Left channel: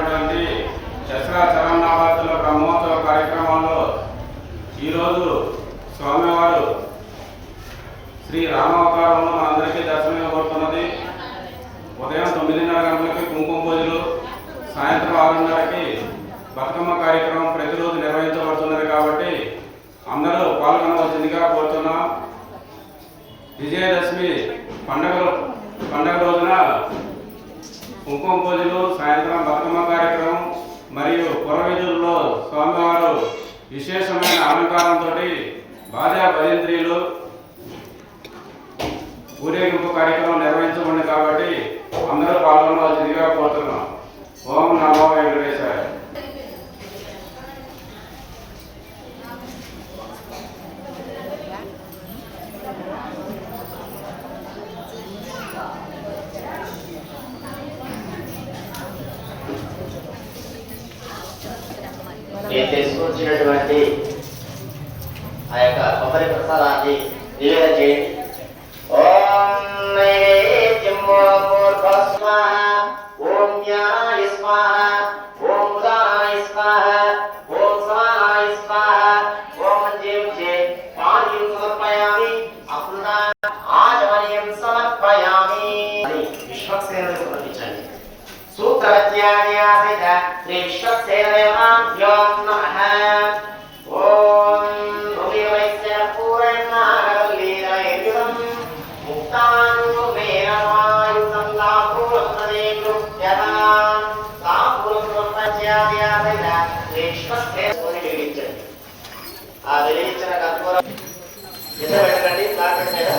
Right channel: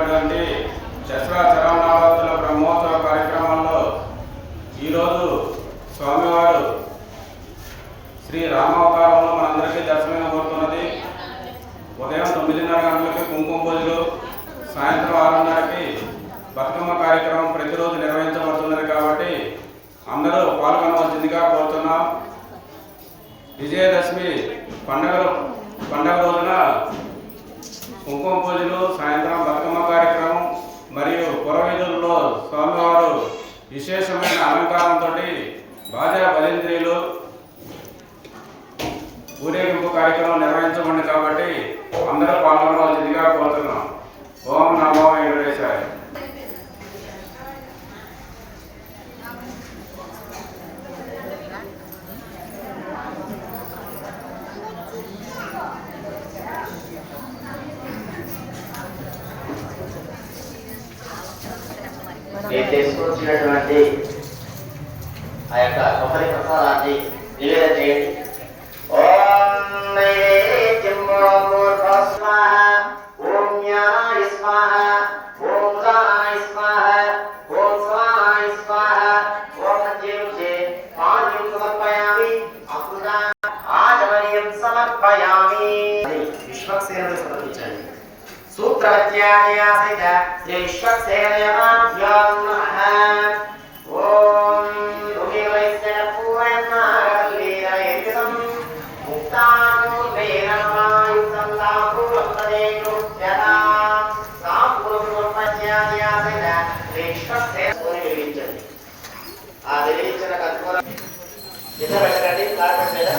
జరిగినటువంటి దసరా చరణావార్తల బ్రహ్మోత్సవ కార్యక్రమంలో ఈరోజు స్వామివారు శ్రీ రామవతారంలో మనందరికీ దర్శనం కోరుతున్నది. ఉదయం తొమ్మిదిన్నర గంటలకి కుంకుమ పూజలు సాయంత్రం ఆరున్నరకి బతుకమ్మ కార్యక్రమం ప్రతిరోజు నిర్వహించబడుతున్నది కాబట్టి అందరూ పాల్గొనవలసిందిగా కోరుతున్నాం. విజయదశమి పండగ పండుగ రోజున కుంకుమ పూజలు సాయంత్రం విశేషమైన అలంకారంతో భార్య భజంత్రీలు ఊరేగింపు కార్యక్రమం మీరు తీసుకొచ్చినటువంటి ఆ యొక్క కొబ్బరి ప్రసాదాన్ని నివేదన చేయండి. సమర్పయామి. విశ్వక్సేనకు సమర్పించండి. सूत्रवत्यादयापित श्रीश्वत्सेवयोन्मः ॐ भूमिवैस्य पूर्णमागलीलययुतम् मुक्तानुग्रेण समायुक्तं तापूर्वं प्रदेशोक्त्यः तापूर्वत्यादयापित श्रीश्वत्सेविంచండి ఆ వెలిగించిన కర్పూరం ఇద్దరు పెట్టండి బాగా పెట్టారా